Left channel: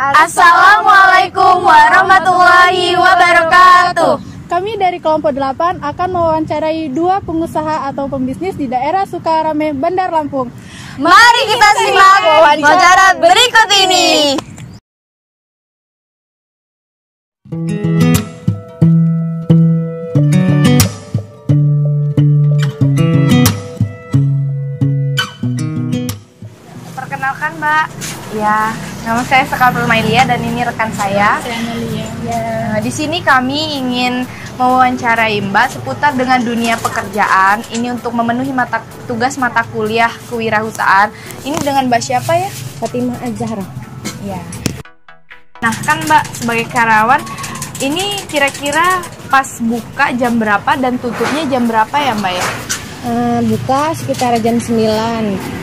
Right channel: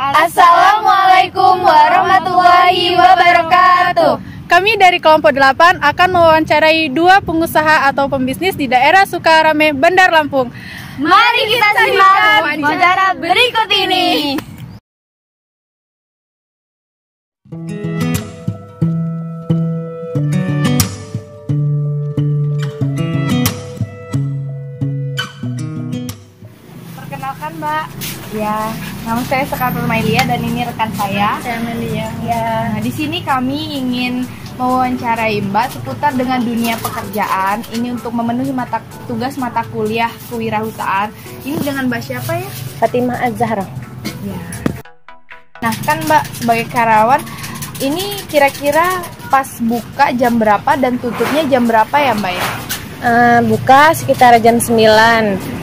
Assalamualaikum warahmatullahi wabarakatuh. Kami dari kelompok 8 akan mewawancarai 2 pengusaha atau pembisnis di daerah Sukarame, Bandar Lampung. Mari kita simak wawancara berikut ini. Perkenalkan Mbak, ya nama saya Sekal Permailia dan ini rekan saya. Saya Amelia. Ya, di sini kami ingin mewawancarai Mbak seputar dengan dunia pekerjaan. Ini untuk memenuhi tugas mata kuliah kewirausahaan. Ini dengan Mbak siapa ya? Fatimah Az-Zahra. Ya. Nah kan Mbak sebagai karyawan, ini kira-kira pas buka jam berapa dan tutupnya jam berapa ya Mbak ya? Buka sekitar jam 9,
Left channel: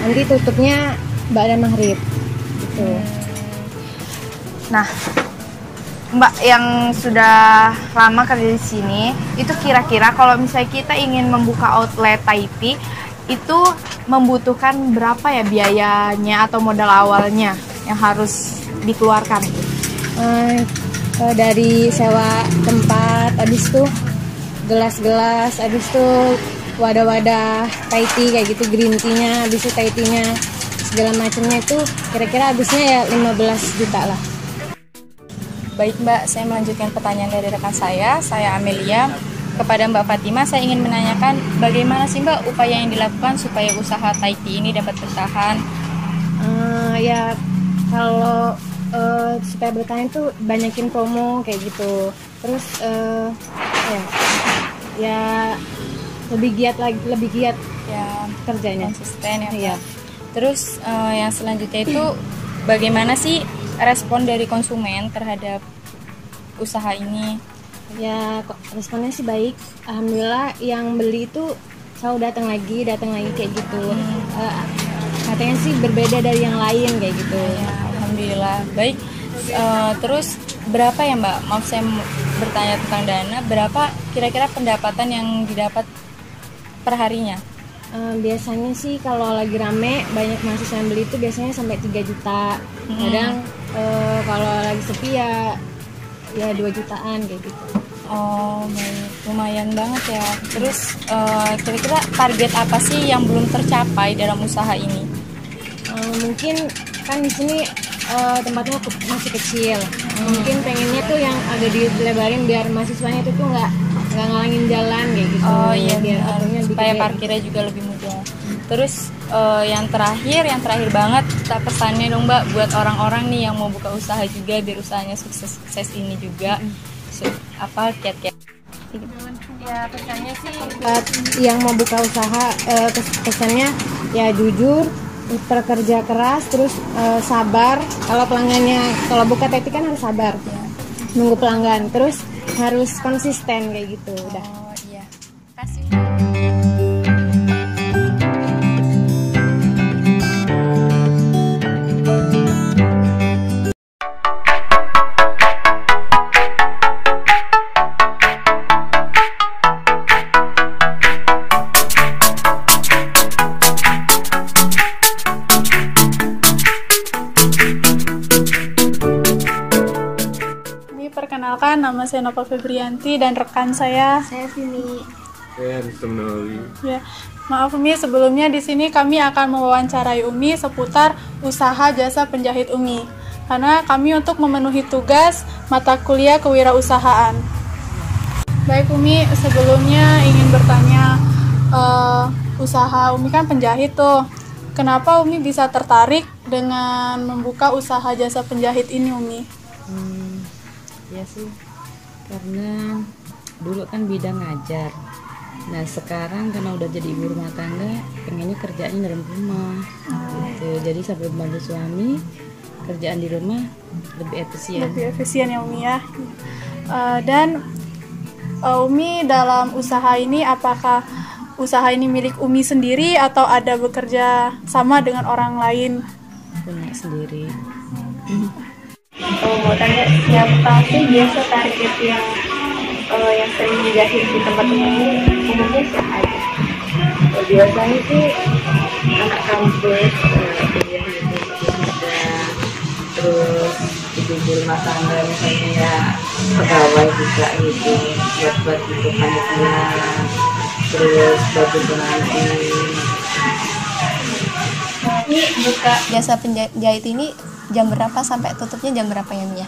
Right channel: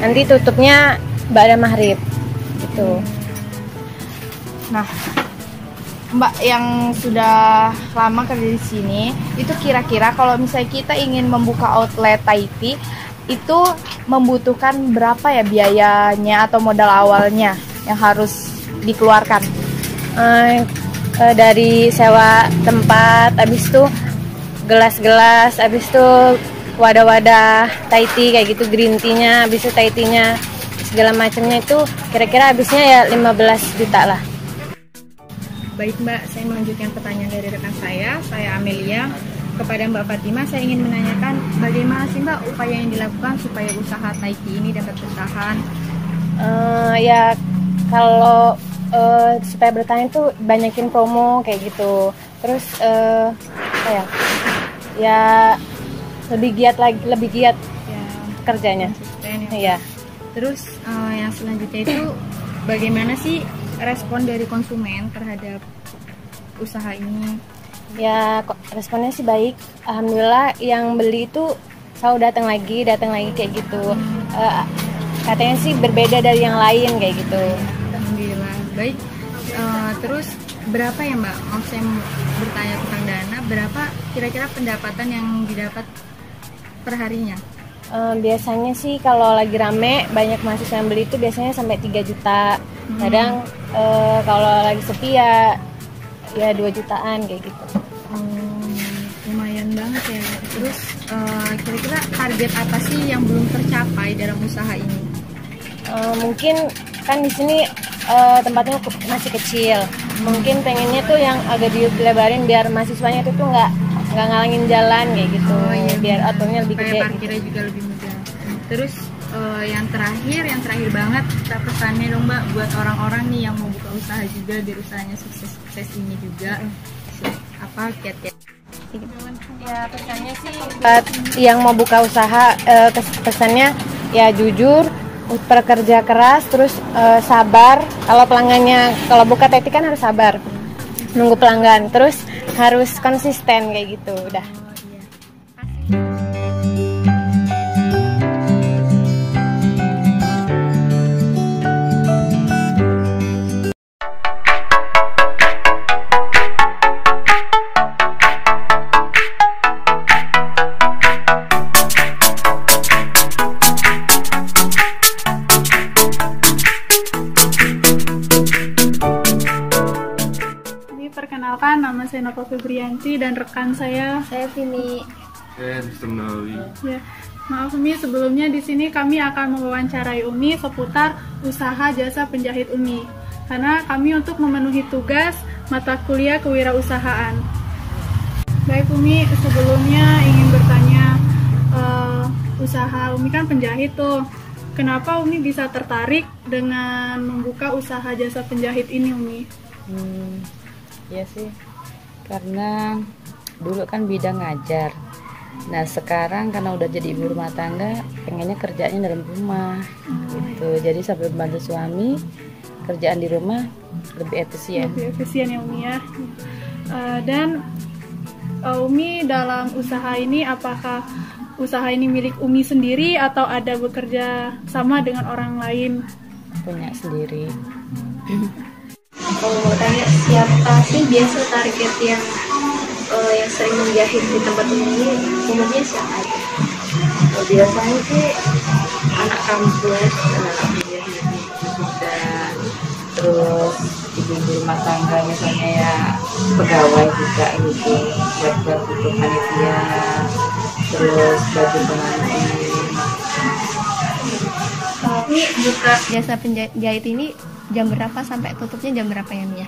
nanti tutupnya ba'da maghrib gitu. Nah Mbak yang sudah lama kerja di sini, itu kira-kira kalau misalnya kita ingin membuka outlet Thai tea, itu membutuhkan berapa ya biayanya atau modal awalnya yang harus dikeluarkan? Dari sewa tempat, habis itu gelas-gelas, habis itu wadah-wadah Thai tea kayak gitu, green tea-nya, habis itu Thai tea-nya, segala macamnya itu kira-kira habisnya ya 15 juta lah. Baik Mbak, saya melanjutkan pertanyaan dari rekan saya Amelia. Kepada Mbak Fatimah, saya ingin menanyakan bagaimana sih Mbak upaya yang dilakukan supaya usaha Thai tea ini dapat bertahan? Ya kalau supaya bertahan itu banyakin promo kayak gitu. Terus ya lebih giat ya kerjanya. Konsisten ya. Iya. Terus yang selanjutnya itu bagaimana sih respon dari konsumen terhadap usaha ini? Ya responnya sih baik, alhamdulillah. Yang beli itu selalu datang lagi kayak gitu. Katanya sih berbeda dari yang lain kayak gitu. Alhamdulillah baik. Terus berapa ya Mbak? Mau saya bertanya tentang dana, berapa kira-kira pendapatan yang didapat per harinya? Biasanya sih kalau lagi rame banyak mahasiswa yang beli itu biasanya sampai 3 juta. Kadang kalau lagi sepi ya 2 jutaan kayak gitu. Oh, lumayan banget ya. Terus kira-kira target apa sih yang belum tercapai dalam usaha ini? Mungkin kan di sini tempatnya masih kecil. Mungkin pengennya tuh yang agak dilebarin biar mahasiswanya itu tuh nggak ngalangin jalan kayak gitu. Oh iya, biar aturnya lebih supaya gede, parkirnya juga lebih mudah. Terus yang terakhir banget, kita pesannya dong Mbak buat orang-orang nih yang mau buka usaha juga biar usahanya sukses ini juga. Apa kiat-kiat? Ya pesannya sih buat yang mau buka usaha, pesannya ya jujur, bekerja keras, terus sabar. Kalau pelanggannya, kalau buka Thai tea kan harus sabar, nunggu pelanggan, terus harus konsisten kayak gitu. Udah. Oh iya. Kasih. Perkenalkan, nama saya Nova Febrianti dan rekan saya Vini. Ya, maaf Umi, sebelumnya di sini kami akan mewawancarai Umi seputar usaha jasa penjahit Umi. Karena kami untuk memenuhi tugas mata kuliah kewirausahaan. Baik Umi, sebelumnya ingin bertanya, usaha Umi kan penjahit tuh. Kenapa Umi bisa tertarik dengan membuka usaha jasa penjahit ini Umi? Ya sih, karena dulu kan bidang ngajar. Nah sekarang karena udah jadi ibu rumah tangga, pengennya kerjanya dalam rumah gitu. Jadi sambil membantu suami, kerjaan di rumah lebih efisien. Lebih efisien ya Umi ya. Dan Umi dalam usaha ini, apakah usaha ini milik Umi sendiri atau ada bekerja sama dengan orang lain? Punya sendiri. Kalau mau tanya siapa sih biasa target yang sering menjahit di tempat umumnya siapa aja? Biasanya sih anak kampus, terus ibu rumah tangga misalnya ya pegawai juga gitu, buat untuk panitia, terus baju pengantin. Ini buka jasa penjahit ini jam berapa sampai tutupnya jam berapa ya Mia?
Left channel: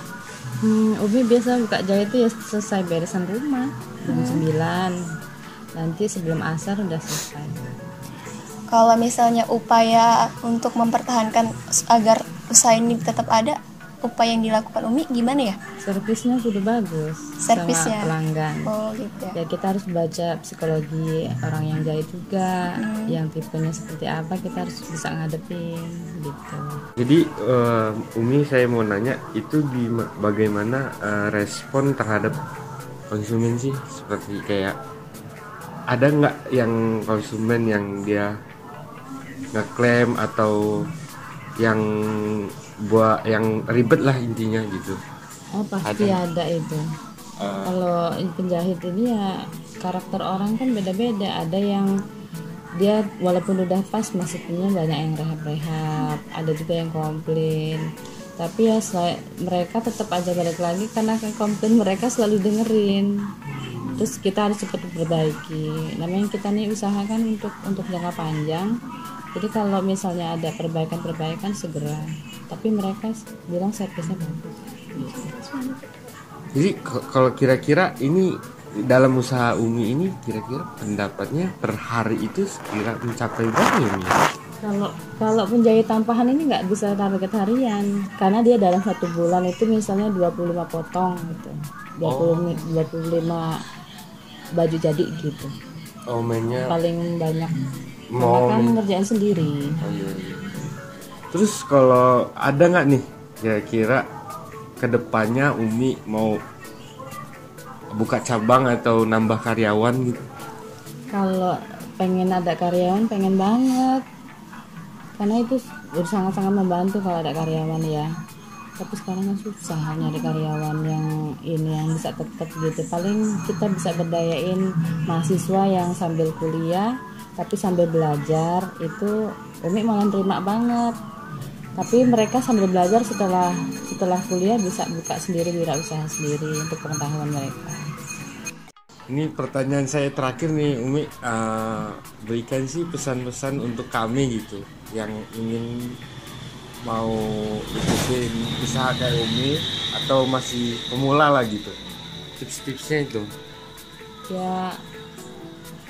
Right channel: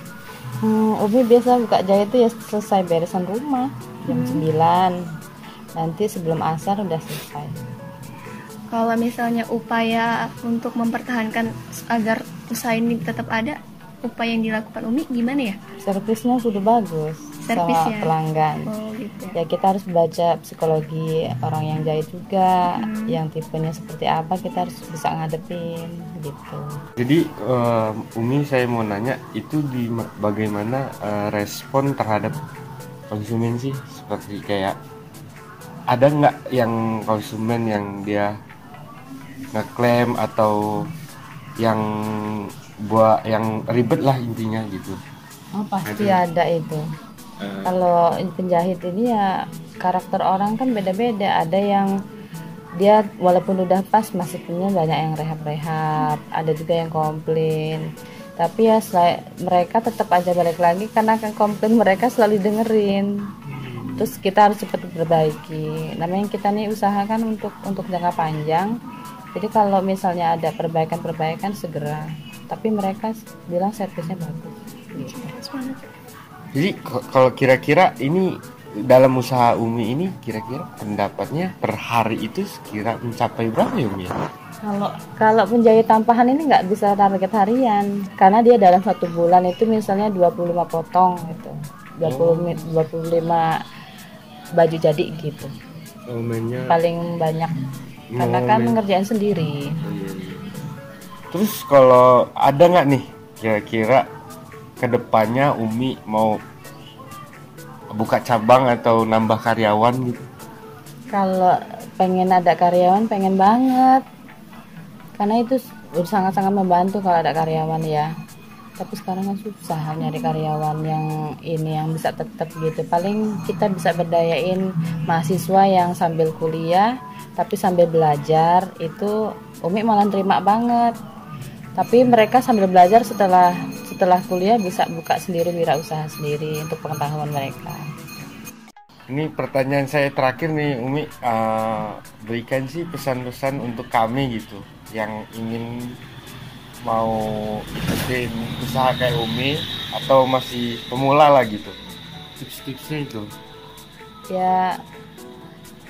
Umi biasa buka jahit itu ya selesai beresan rumah jam 9, nanti sebelum asar udah selesai. Kalau misalnya upaya untuk mempertahankan agar usaha ini tetap ada, upaya yang dilakukan Umi gimana ya? Servisnya sudah bagus, Servisnya sama pelanggan. Oh gitu. Ya kita harus baca psikologi orang yang jahit juga, yang tipenya seperti apa kita harus bisa ngadepin gitu. Jadi Umi saya mau nanya itu bagaimana respon terhadap konsumen sih, seperti kayak ada nggak yang konsumen yang dia ngeklaim atau yang yang ribet lah intinya gitu? Oh pasti ada itu. Kalau penjahit ini ya karakter orang kan beda-beda. Ada yang dia walaupun udah pas masukinnya banyak yang rehab-rehab, ada juga yang komplain. Tapi ya mereka tetap aja balik lagi karena komplain mereka selalu dengerin. Terus kita harus cepat perbaiki. Namanya kita nih usaha kan untuk jangka panjang. Jadi kalau misalnya ada perbaikan segera. Tapi mereka bilang servisnya bagus. Jadi kalau kira-kira ini dalam usaha Umi ini kira-kira pendapatnya per hari itu sekira mencapai berapa ya Umi? Kalau penjahit tampahan ini nggak bisa target harian karena dia dalam 1 bulan itu misalnya 25 potong gitu, 25 baju jadi gitu. Paling banyak karena kan ngerjain sendiri. Terus kalau ada nggak nih kira-kira kedepannya Umi mau buka cabang atau nambah karyawan gitu? Kalau pengen ada karyawan pengen banget, karena itu sangat-sangat membantu kalau ada karyawan ya. Tapi sekarang kan susah nyari karyawan yang bisa tetap gitu. Paling kita bisa berdayain mahasiswa yang sambil kuliah tapi sambil belajar, itu Umi malah terima banget. Tapi mereka sambil belajar setelah kuliah bisa buka sendiri, wirausaha sendiri untuk pengetahuan mereka. Ini pertanyaan saya terakhir nih Umi, berikan sih pesan-pesan untuk kami gitu yang ingin mau ikutin usaha kayak Umi atau masih pemula lah gitu, tips-tipsnya itu. Ya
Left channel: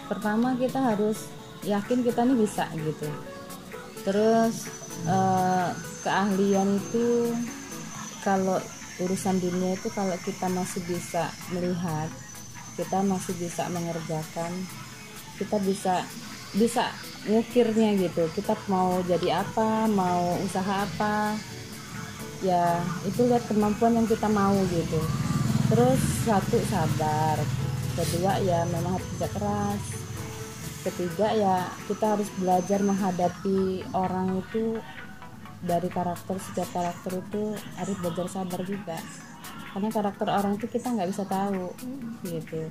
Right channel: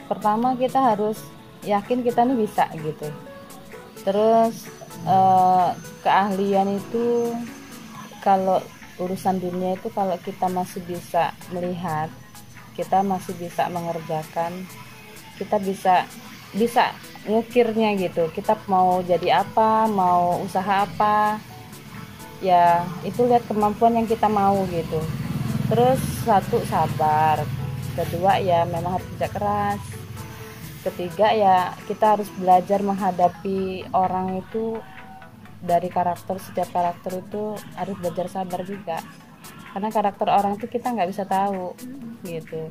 pertama kita harus yakin kita nih bisa gitu. Terus keahlian itu kalau urusan dunia itu kalau kita masih bisa melihat, kita masih bisa mengerjakan, kita bisa mikirnya gitu, kita mau jadi apa, mau usaha apa ya, itu lihat kemampuan yang kita mau gitu. Terus 1 sabar, 2 ya memang harus kerja keras, 3 ya kita harus belajar menghadapi orang itu dari karakter. Setiap karakter itu harus belajar sabar juga, karena karakter orang itu kita nggak bisa tahu gitu.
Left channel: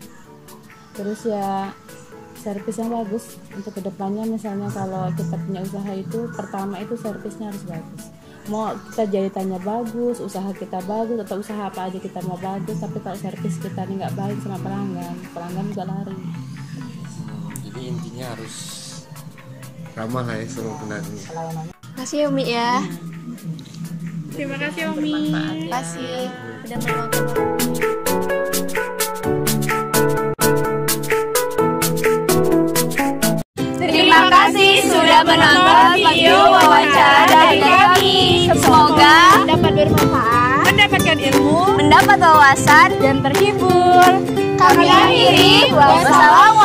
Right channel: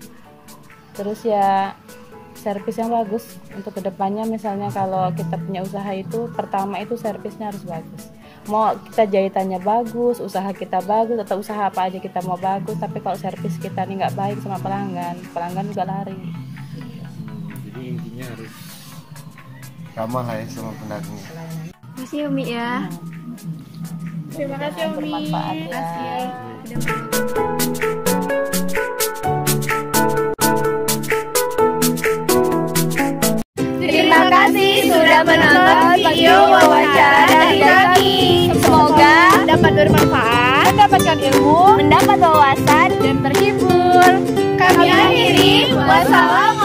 Terus ya servis yang bagus untuk kedepannya. Misalnya kalau kita punya usaha itu pertama itu servisnya harus bagus. Mau kita jahitannya bagus, usaha kita bagus, atau usaha apa aja kita mau bagus, tapi kalau servis kita ini nggak baik sama pelanggan juga lari. Jadi intinya harus ramah lah ya sama pelanggan. Terima kasih Umi ya. Terima kasih Umi. Terima kasih. Udah mau. Terima kasih sudah menonton video wawancara dari kami. Semoga dapat bermanfaat, mendapatkan ilmu, mendapat wawasan dan terhibur. Kami akhiri. Wassalamualaikum.